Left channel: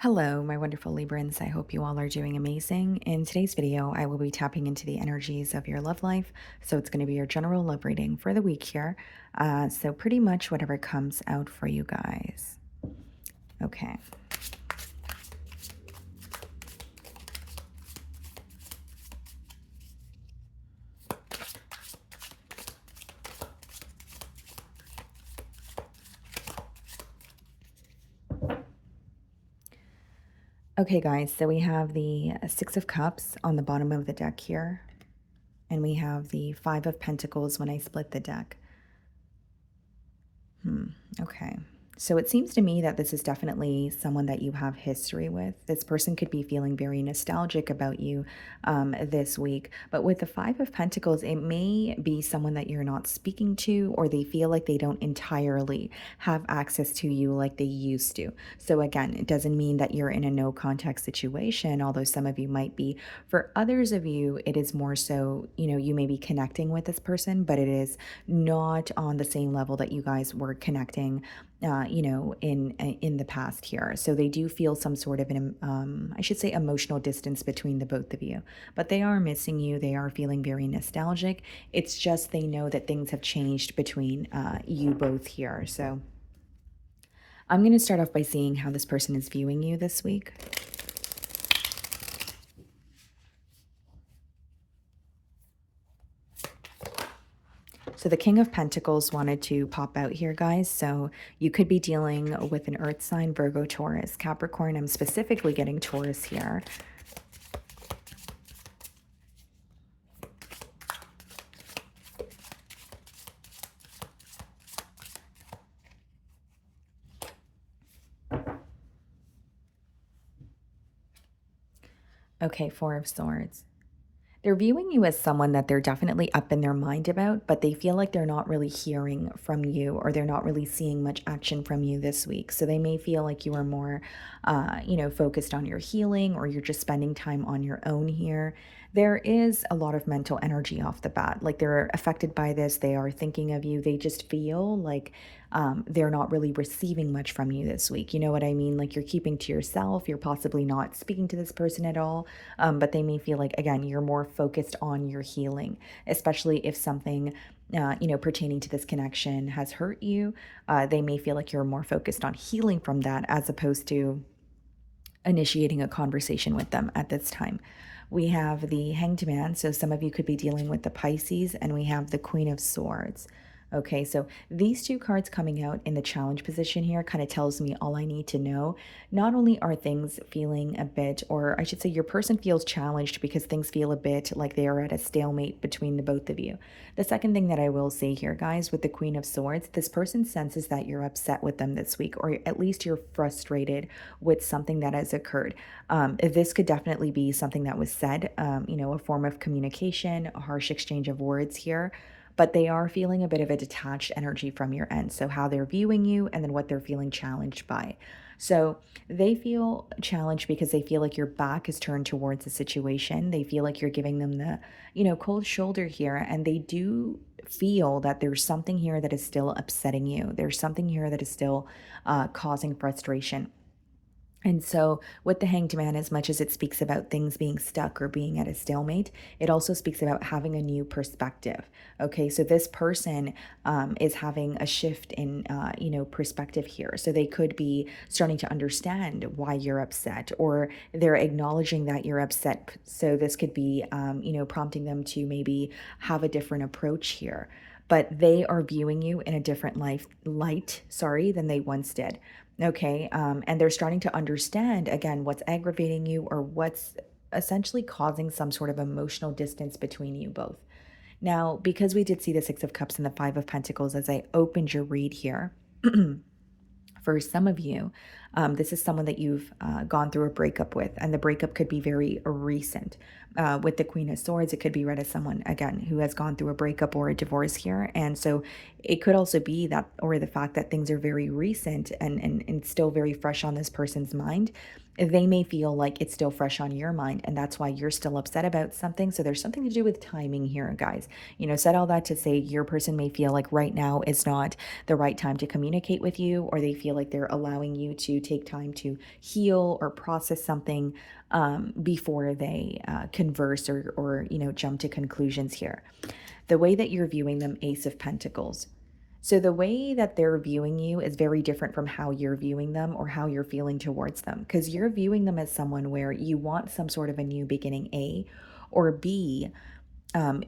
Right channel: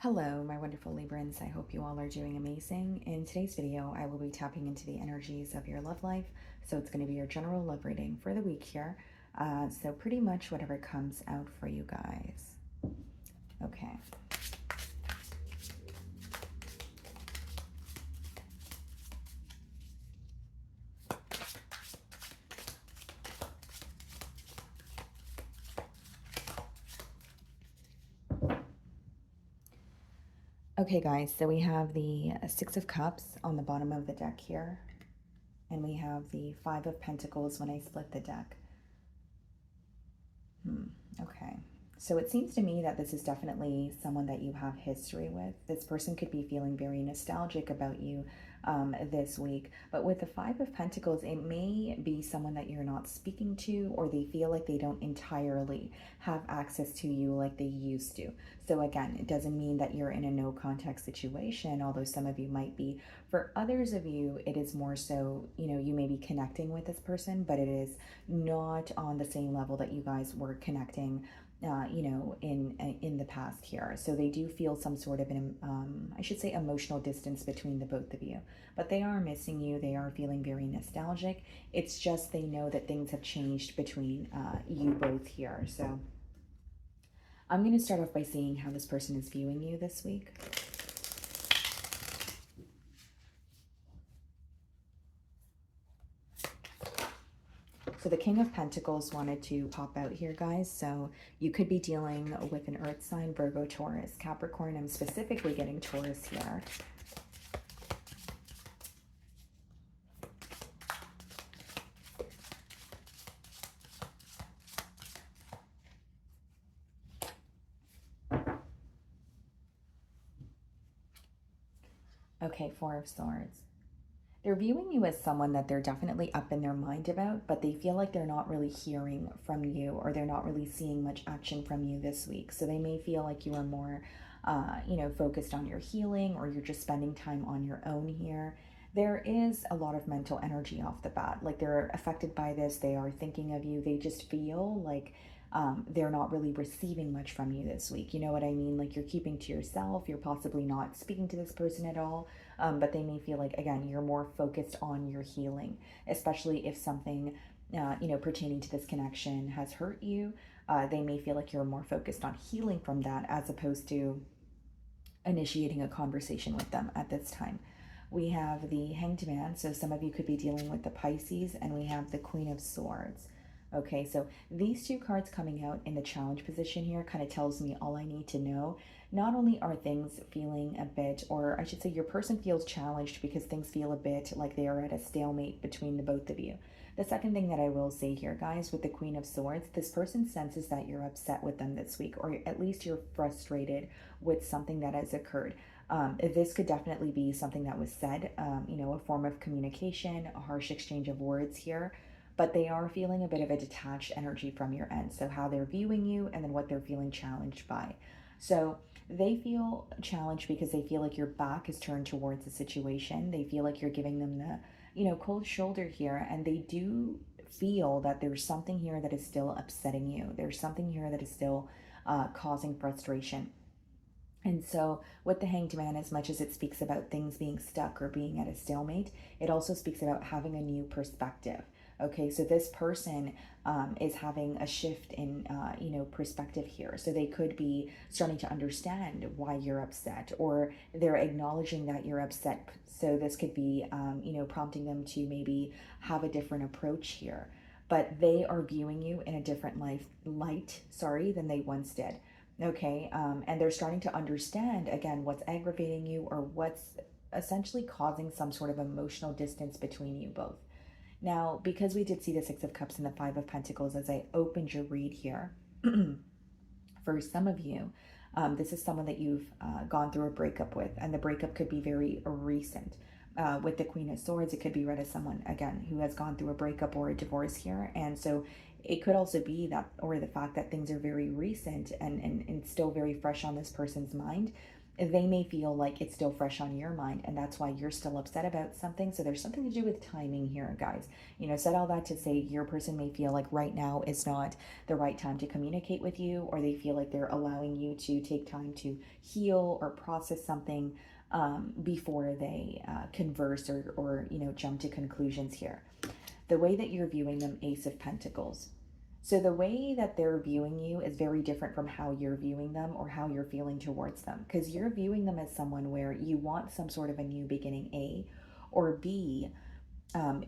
Hello, my wonderful Librans. I hope you all are doing amazing. In today's video, I will be tapping into the energies of your love life. So it's going to be your general love reading for the week here. So pretty much whatever comes out for you guys. Okay. Okay, guys, so we have the Six of Cups on the bottom of the deck here. And we have the Five of Pentacles when I split the deck. Okay. So it seems to me that this is definitely someone that you have history with. This person could be feeling very nostalgic about you this week. But with the Five of Pentacles, it may be someone that you're not speaking to, or they feel like they don't entirely have access to you like they used to. So again, it doesn't mean that you're in a no contact situation, although some of you might be. For others of you, it is more so, you may be connecting with this person, but it is not on the same level that you guys were connecting in the past here. So they do feel some sort of I should say, emotional distance between the both of you. But they are missing you. They are feeling very nostalgic. It's just they know that things have changed between you both here. So I'm going to start off by seeing how this person is viewing you this week. So the King of Pentacles wanted to pop out here, guys. So you could be dealing with an Earth sign, Virgo, Taurus, Capricorn. I'm specifically getting Taurus here. Okay, Four of Swords. They're viewing you as someone that they're definitely up in their mind about, but they feel like they're not really hearing from you, or they're not really seeing much action from you this week. So they may feel like you are more, focused on your healing, or you're just spending time on your own here. There is a lot of mental energy off the bat. Like, they're affected by this. They are thinking of you. They just feel like they're not really receiving much from you this week. You know what I mean? Like, you're keeping to yourself. You're possibly not speaking to this person at all. But they may feel like, again, you're more focused on your healing, especially if something, pertaining to this connection has hurt you. They may feel like you're more focused on healing from that as opposed to initiating a conversation with them at this time. We have the Hanged Man, so some of you could be dealing with the Pisces, and we have the Queen of Swords. Okay, so these two cards coming out in the challenge position here kind of tells me all I need to know. Not only are things feeling a bit, or I should say your person feels challenged because things feel a bit like they are at a stalemate between the both of you. The second thing that I will say here, guys, with the Queen of Swords, this person senses that you're upset with them this week, or at least you're frustrated with something that has occurred. This could definitely be something that was said, a form of communication, a harsh exchange of words here, but they are feeling a bit of a detached energy from your end. So how they're viewing you, and then what they're feeling challenged by. So they feel challenged because they feel like your back is turned towards the situation. They feel like you're giving them the, cold shoulder here. And they do feel that there's something here that is still upsetting you. There's something here that is still causing frustration. And so, with the Hanged Man, as much as it speaks about things being stuck or being at a stalemate, it also speaks about having a new perspective. Okay, so this person is having a shift in, perspective here. So they could be starting to understand why you're upset, or they're acknowledging that you're upset. So this could be, prompting them to maybe have a different approach here. But they are viewing you in a different light, than they once did. Okay. And they're starting to understand, again, what's aggravating you, or what's essentially causing some sort of emotional distance between you both. Now, because we did see the Six of Cups and the Five of Pentacles as I opened your read here, for some of you, this is someone that you've gone through a breakup with, and the breakup could be very recent. With the Queen of Swords, it could be read as someone, again, who has gone through a breakup or a divorce here. And so it could also be that, or the fact that things are very recent and still very fresh on this person's mind. They may feel like it's still fresh on your mind, and that's why you're still upset about something. So there's something to do with timing here, guys. Said all that to say your person may feel like right now is not the right time to communicate with you, or they feel like they're allowing you to take time to heal or process something before they converse or jump to conclusions here. The way that you're viewing them, Ace of Pentacles. So the way that they're viewing you is very different from how you're viewing them or how you're feeling towards them, because you're viewing them as someone where you want some sort of a new beginning, A, or B,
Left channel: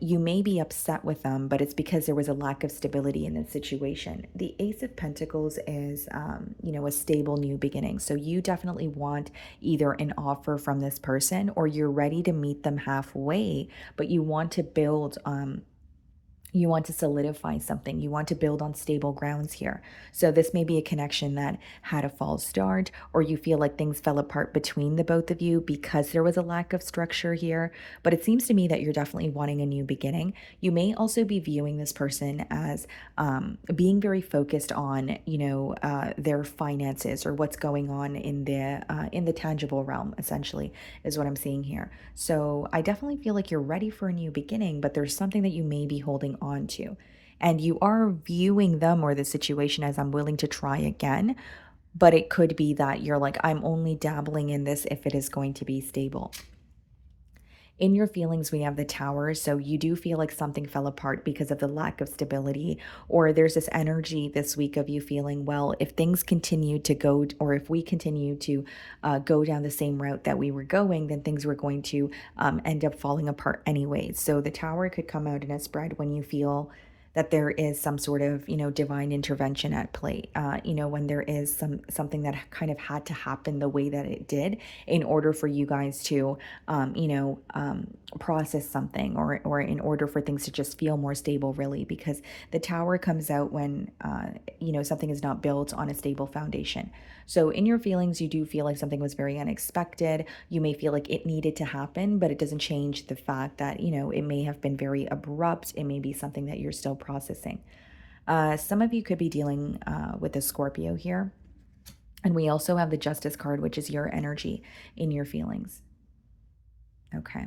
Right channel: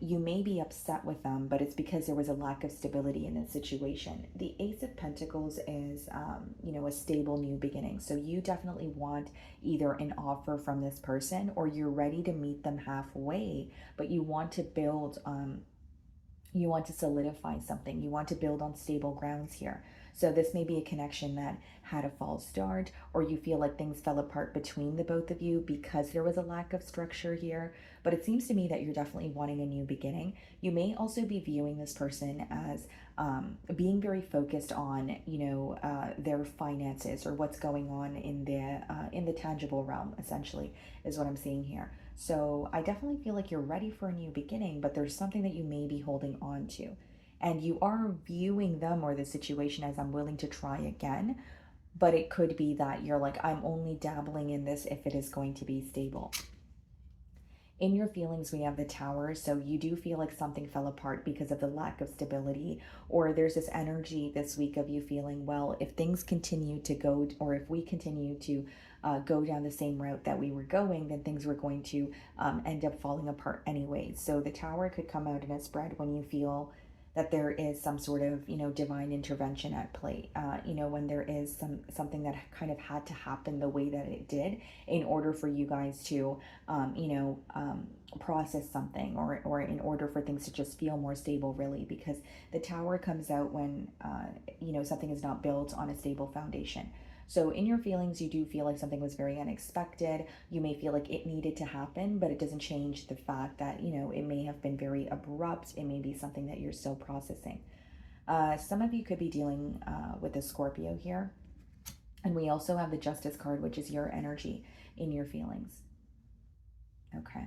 you may be upset with them, but it's because there was a lack of stability in this situation. The Ace of Pentacles is, a stable new beginning. So you definitely want either an offer from this person or you're ready to meet them halfway, but you want to build, you want to solidify something. You want to build on stable grounds here. So this may be a connection that had a false start, or you feel like things fell apart between the both of you because there was a lack of structure here. But it seems to me that you're definitely wanting a new beginning. You may also be viewing this person as being very focused on, their finances or what's going on in the tangible realm. Essentially, is what I'm seeing here. So I definitely feel like you're ready for a new beginning, but there's something that you may be holding on to. And you are viewing them or the situation as I'm willing to try again. But it could be that you're like, I'm only dabbling in this if it is going to be stable. In your feelings, we have the Tower. So you do feel like something fell apart because of the lack of stability, or there's this energy this week of you feeling, well, if things continue to go, or if we continue to go down the same route that we were going, then things were going to end up falling apart anyways. So the Tower could come out in a spread when you feel that there is some sort of divine intervention at play, when there is something that kind of had to happen the way that it did in order for you guys to process something, or in order for things to just feel more stable, really, because the Tower comes out when something is not built on a stable foundation. So in your feelings, you do feel like something was very unexpected. You may feel like it needed to happen, but it doesn't change the fact that, it may have been very abrupt. It may be something that you're still processing. Some of you could be dealing with a Scorpio here. And we also have the Justice card, which is your energy in your feelings. Okay.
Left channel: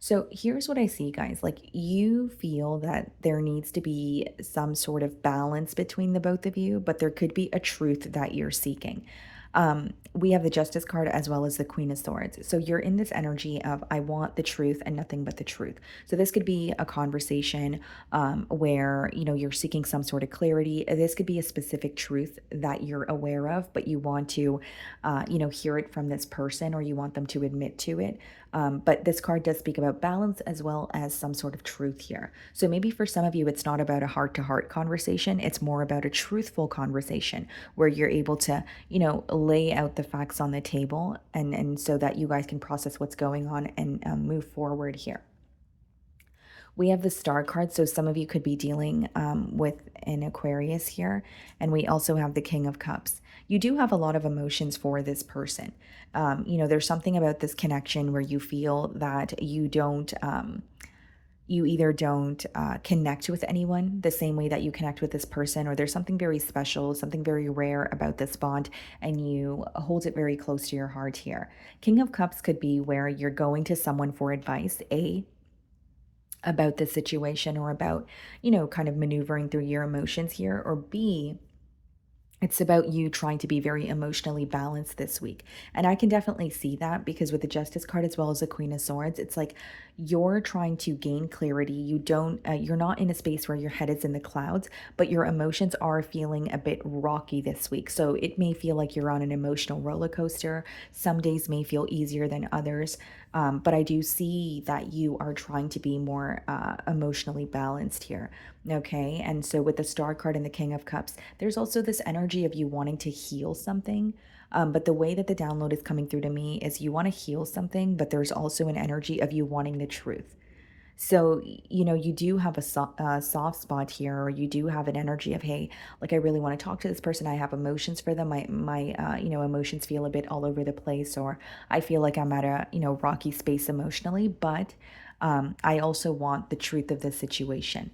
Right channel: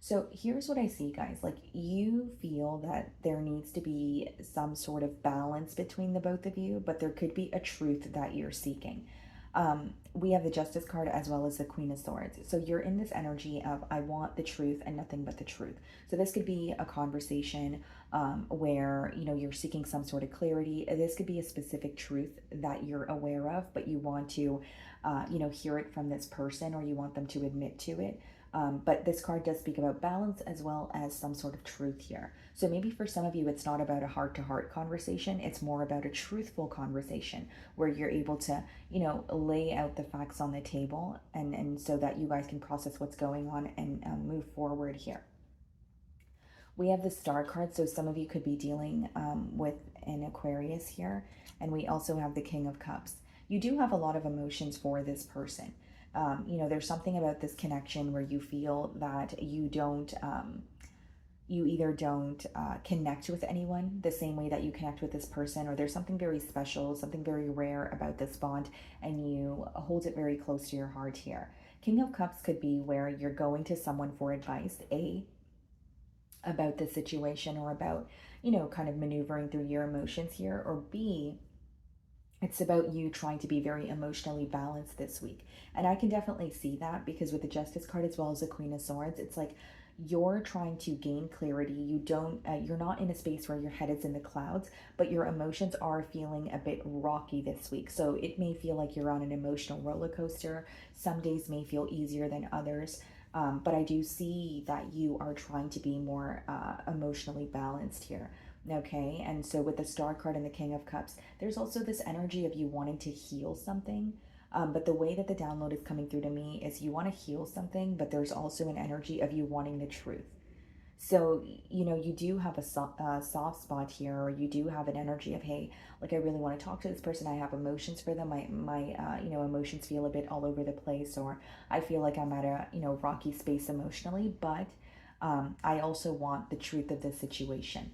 So here's what I see, guys. Like, you feel that there needs to be some sort of balance between the both of you, but there could be a truth that you're seeking. We have the Justice card as well as the Queen of Swords. So you're in this energy of, I want the truth and nothing but the truth. So this could be a conversation where, you're seeking some sort of clarity. This could be a specific truth that you're aware of, but you want to, hear it from this person, or you want them to admit to it. But this card does speak about balance as well as some sort of truth here. So maybe for some of you, it's not about a heart-to-heart conversation. It's more about a truthful conversation where you're able to, lay out the facts on the table, and so that you guys can process what's going on and move forward here. We have the Star card, so some of you could be dealing with an Aquarius here. And we also have the King of Cups. You do have a lot of emotions for this person. There's something about this connection where you feel that you don't, you either don't connect with anyone the same way that you connect with this person, or there's something very special, something very rare about this bond, and you hold it very close to your heart here. King of Cups could be where you're going to someone for advice, about the situation, or about, kind of maneuvering through your emotions here, or B, it's about you trying to be very emotionally balanced this week. And I can definitely see that, because with the Justice card as well as the Queen of Swords, it's like you're trying to gain clarity. You're not in a space where your head is in the clouds, but your emotions are feeling a bit rocky this week. So it may feel like you're on an emotional roller coaster. Some days may feel easier than others. But I do see that you are trying to be more emotionally balanced here. Okay. And so with the Star card and the King of Cups, there's also this energy of you wanting to heal something. But the way that the download is coming through to me is you want to heal something, but there's also an energy of you wanting the truth. So, you do have a soft spot here, or you do have an energy of, hey, like I really want to talk to this person. I have emotions for them. My emotions feel a bit all over the place, or I feel like I'm at a, rocky space emotionally, but I also want the truth of the situation.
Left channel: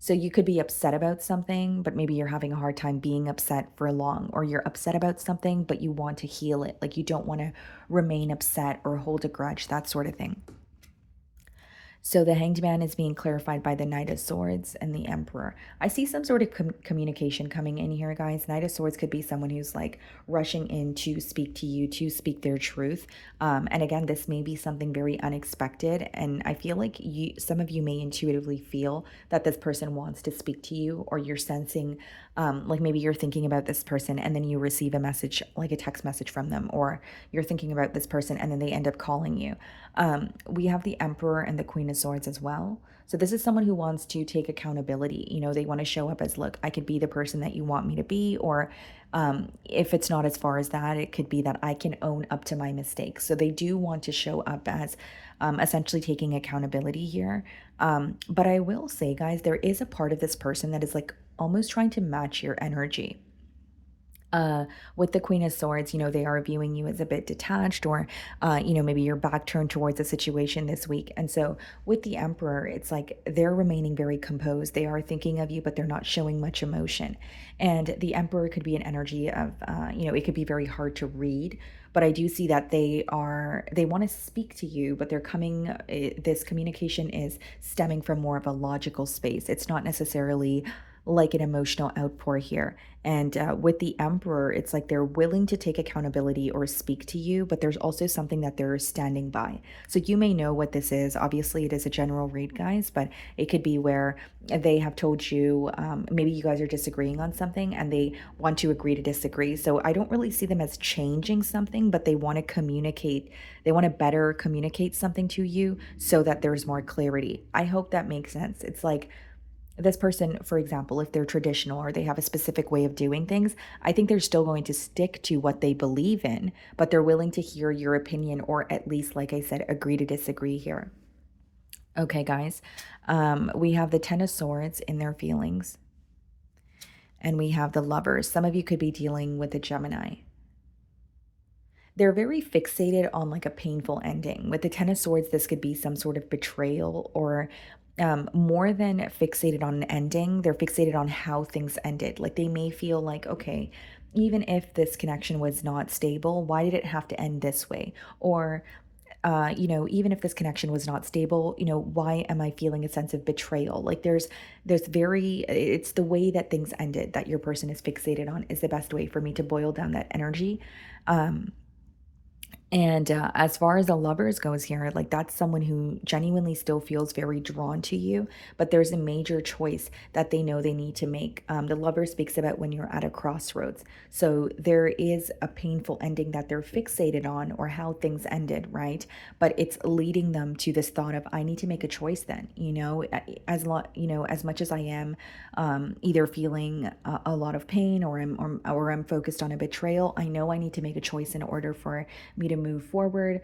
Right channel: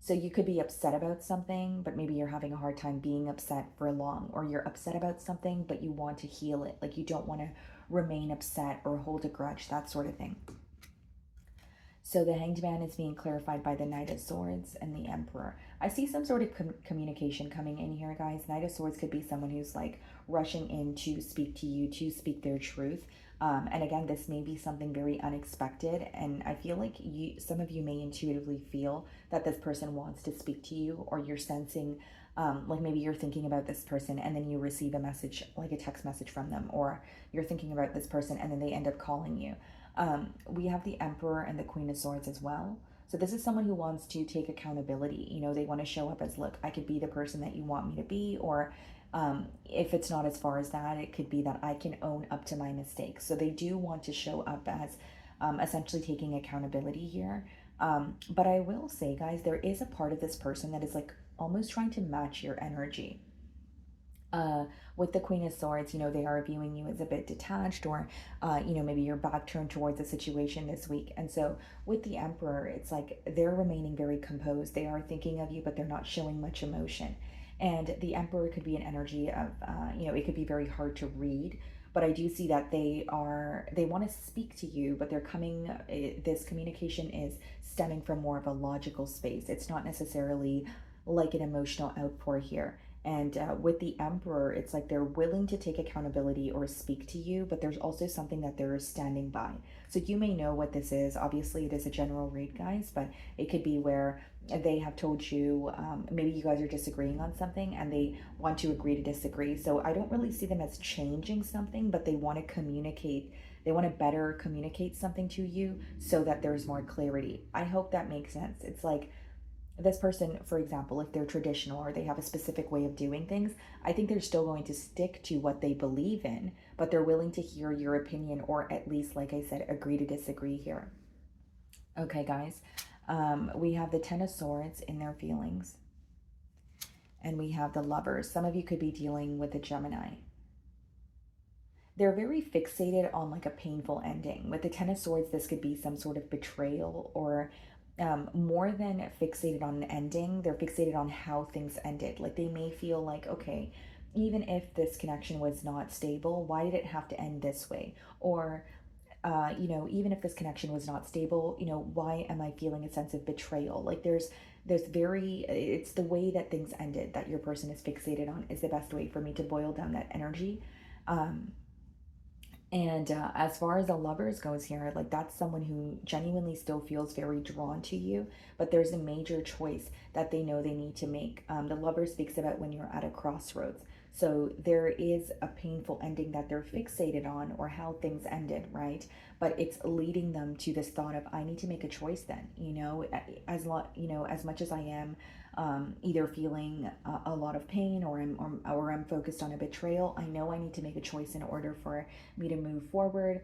So you could be upset about something, but maybe you're having a hard time being upset for long, or you're upset about something, but you want to heal it. Like you don't want to remain upset or hold a grudge, that sort of thing. So the Hanged Man is being clarified by the Knight of Swords and the Emperor. I see some sort of communication coming in here, guys. Knight of Swords could be someone who's like rushing in to speak to you, to speak their truth. And again, this may be something very unexpected. And I feel like some of you may intuitively feel that this person wants to speak to you, or you're sensing, like maybe you're thinking about this person and then you receive a message, like a text message from them, or you're thinking about this person and then they end up calling you. We have the Emperor and the Queen of Swords as well. So this is someone who wants to take accountability. They want to show up as, look, I could be the person that you want me to be, or if it's not as far as that, it could be that I can own up to my mistakes. So they do want to show up as essentially taking accountability here. But I will say, guys, there is a part of this person that is like almost trying to match your energy. uh with the Queen of Swords, they are viewing you as a bit detached, or maybe your back turned towards the situation this week. And so with the Emperor, it's like they're remaining very composed. They are thinking of you, but they're not showing much emotion. And the Emperor could be an energy of, it could be very hard to read, but I do see that they want to speak to you, but they're coming, this communication is stemming from more of a logical space. It's not necessarily like an emotional outpour here. And with the Emperor, it's like they're willing to take accountability or speak to you, but there's also something that they're standing by. So you may know what this is. Obviously, it is a general read, guys, but it could be where they have told you, maybe you guys are disagreeing on something and they want to agree to disagree. So I don't really see them as changing something, but they want to communicate. They want to better communicate something to you so that there's more clarity. I hope that makes sense. It's like, this person, for example, if they're traditional or they have a specific way of doing things, I think they're still going to stick to what they believe in, but they're willing to hear your opinion, or at least, like I said, agree to disagree here. Okay, guys, we have the Ten of Swords in their feelings, and we have the Lovers. Some of you could be dealing with a Gemini. They're very fixated on like a painful ending. With the Ten of Swords, this could be some sort of betrayal, or more than fixated on an ending, they're fixated on how things ended. Like they may feel like, okay, even if this connection was not stable, why did it have to end this way? Or, even if this connection was not stable, why am I feeling a sense of betrayal? Like it's the way that things ended that your person is fixated on, is the best way for me to boil down that energy. Um, and as far as the Lovers goes here, like that's someone who genuinely still feels very drawn to you, but there's a major choice that they know they need to make. The Lover speaks about when you're at a crossroads. So there is a painful ending that they're fixated on, or how things ended, right? But it's leading them to this thought of, I need to make a choice then, as much as I am either feeling a lot of pain, or I'm focused on a betrayal, I know I need to make a choice in order for me to move forward,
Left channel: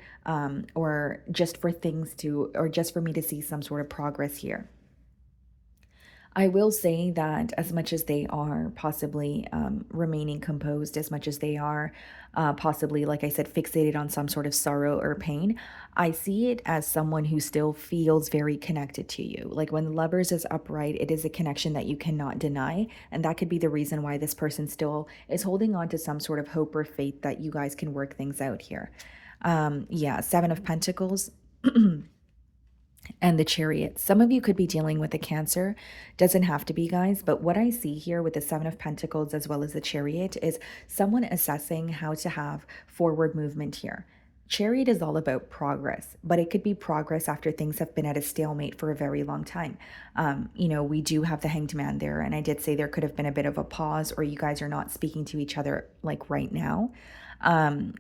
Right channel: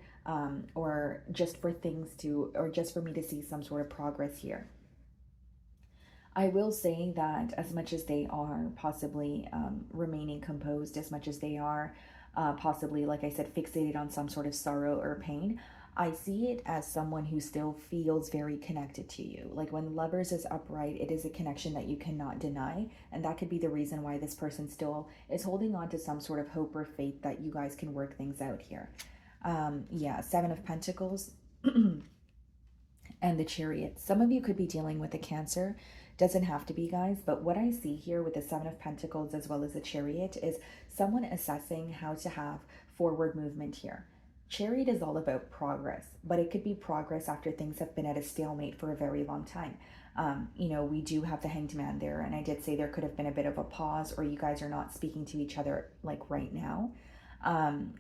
or just for me to see some sort of progress here. I will say that as much as they are possibly remaining composed, as much as they are possibly, like I said, fixated on some sort of sorrow or pain, I see it as someone who still feels very connected to you. Like when Lovers is upright, it is a connection that you cannot deny. And that could be the reason why this person still is holding on to some sort of hope or faith that you guys can work things out here. Yeah, Seven of Pentacles. And the Chariot. Some of you could be dealing with a Cancer. Doesn't have to be, guys, but what I see here with the Seven of Pentacles as well as the Chariot is someone assessing how to have forward movement here. Chariot is all about progress, but it could be progress after things have been at a stalemate for a very long time. We do have the Hanged Man there, and I did say there could have been a bit of a pause, or you guys are not speaking to each other like right now.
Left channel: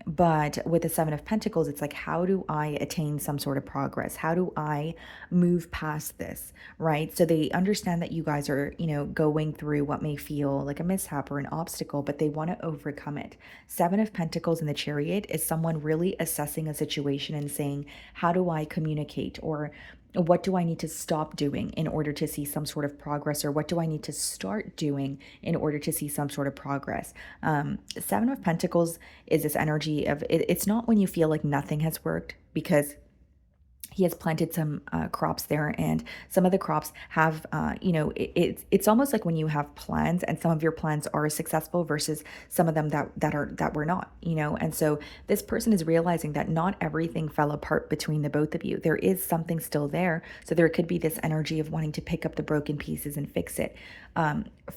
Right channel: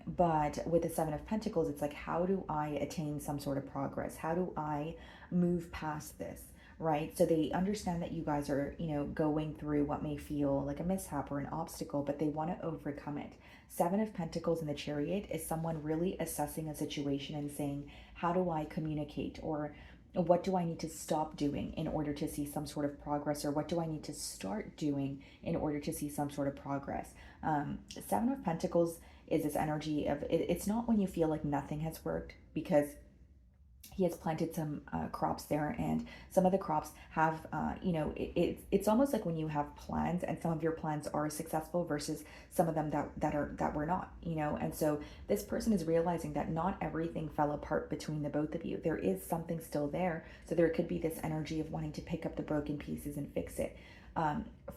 But with the Seven of Pentacles, it's like, how do I attain some sort of progress? How do I move past this, right? So they understand that you guys are, going through what may feel like a mishap or an obstacle, but they want to overcome it. Seven of Pentacles in the Chariot is someone really assessing a situation and saying, how do I communicate? Or What do I need to stop doing in order to see some sort of progress, or what do I need to start doing in order to see some sort of progress? Seven of Pentacles is this energy of it's not when you feel like nothing has worked, because he has planted some crops there, and some of the crops have it's almost like when you have plans and some of your plans are successful versus some of them that were not, and so this person is realizing that not everything fell apart between the both of you. There is something still there, so there could be this energy of wanting to pick up the broken pieces and fix it.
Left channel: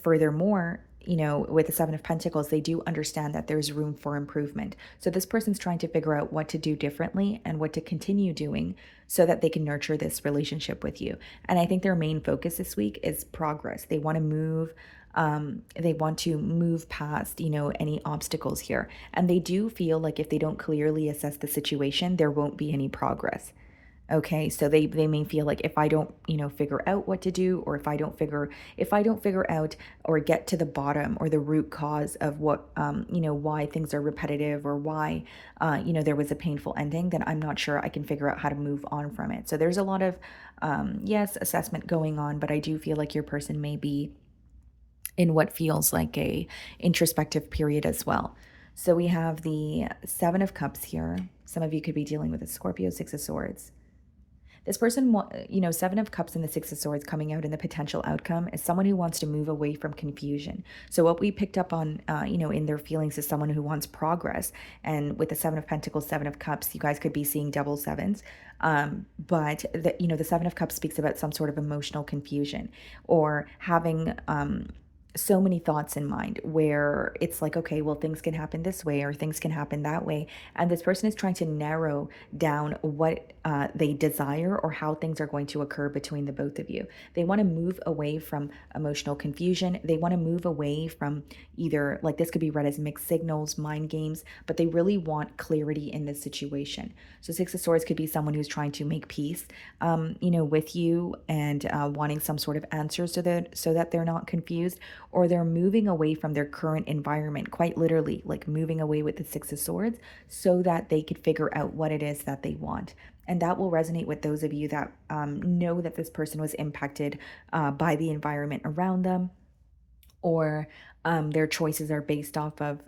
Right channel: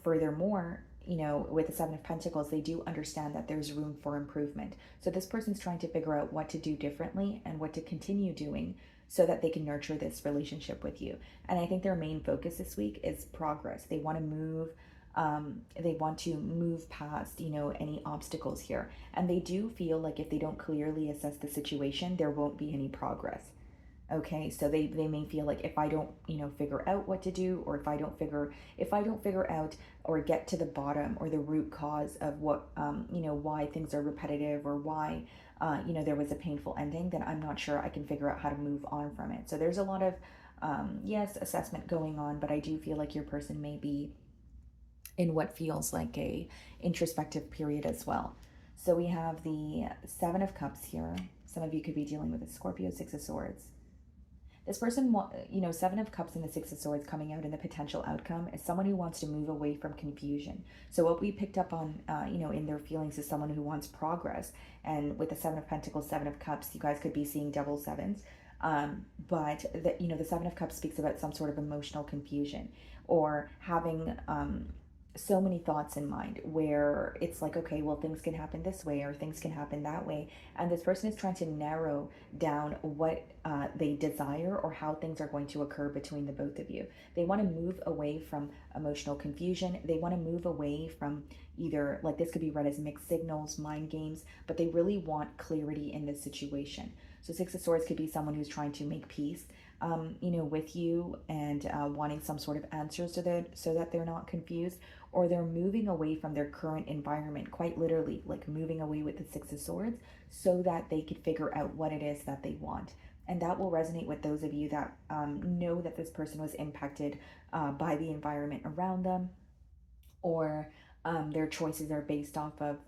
Furthermore, with the Seven of Pentacles, they do understand that there's room for improvement. So this person's trying to figure out what to do differently and what to continue doing so that they can nurture this relationship with you. And I think their main focus this week is progress. They want to move. They want to move past, any obstacles here. And they do feel like if they don't clearly assess the situation, there won't be any progress. Okay, so they may feel like if I don't, figure out what to do, or if I don't figure out or get to the bottom or the root cause of what, why things are repetitive, or why, there was a painful ending, then I'm not sure I can figure out how to move on from it. So there's a lot of, yes, assessment going on, but I do feel like your person may be in what feels like a introspective period as well. So we have the Seven of Cups here. Some of you could be dealing with a Scorpio, Six of Swords. This person, Seven of Cups and the Six of Swords coming out in the potential outcome is someone who wants to move away from confusion. So what we picked up on, in their feelings is someone who wants progress. And with the Seven of Pentacles, Seven of Cups, you guys could be seeing double sevens. But the Seven of Cups speaks about some sort of emotional confusion, or having so many thoughts in mind where it's like, okay, well, things can happen this way or things can happen that way. And this person is trying to narrow down what they desire or how things are going to occur between the both of you. They want to move away from emotional confusion. They want to move away from either, like, this could be read as mixed signals, mind games, but they really want clarity in this situation. So Six of Swords could be someone who's trying to make peace, with you, and wanting some sort of answers so that they're not confused, or they're moving away from their current environment, quite literally, like moving away with the Six of Swords, so that they could figure out what it is that they want. And that will resonate with those of you that know that this person was impacted by the environment around them, or their choices are based off of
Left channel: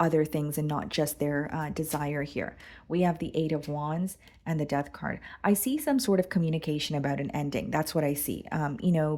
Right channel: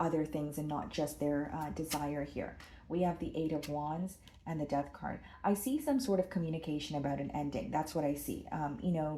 other things and not just their desire here. We have the Eight of Wands and the Death card. I see some sort of communication about an ending. That's what I see.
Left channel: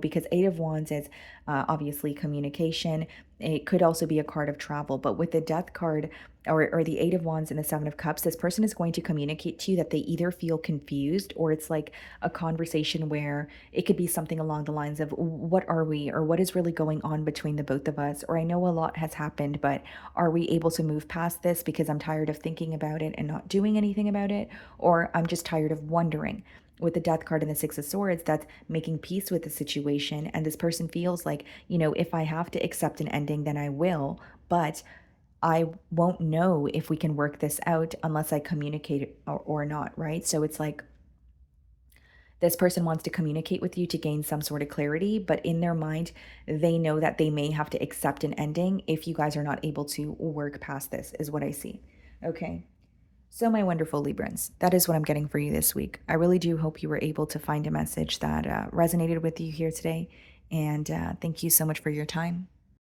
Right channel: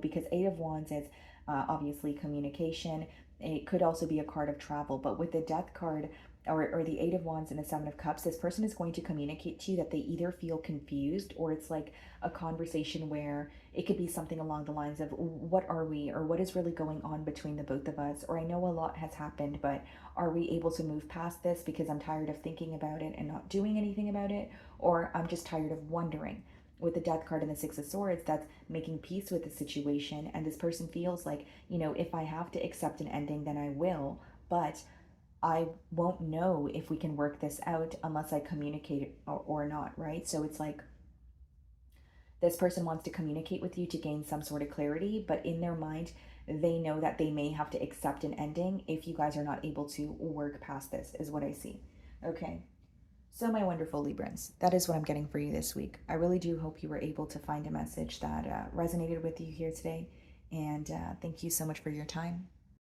Because Eight of Wands is obviously communication. It could also be a card of travel, but with the Death card, or the Eight of Wands and the Seven of Cups, this person is going to communicate to you that they either feel confused, or it's like a conversation where it could be something along the lines of, what are we, or what is really going on between the both of us, or I know a lot has happened, but are we able to move past this because I'm tired of thinking about it and not doing anything about it, or I'm just tired of wondering. With the Death card and the Six of Swords, that's making peace with the situation, and this person feels like, if I have to accept an ending, then I will, but I won't know if we can work this out unless I communicate it, or not, right? So it's like this person wants to communicate with you to gain some sort of clarity, but in their mind, they know that they may have to accept an ending if you guys are not able to work past this, is what I see. Okay. So my wonderful Librans, that is what I'm getting for you this week. I really do hope you were able to find a message that resonated with you here today. And thank you so much for your time.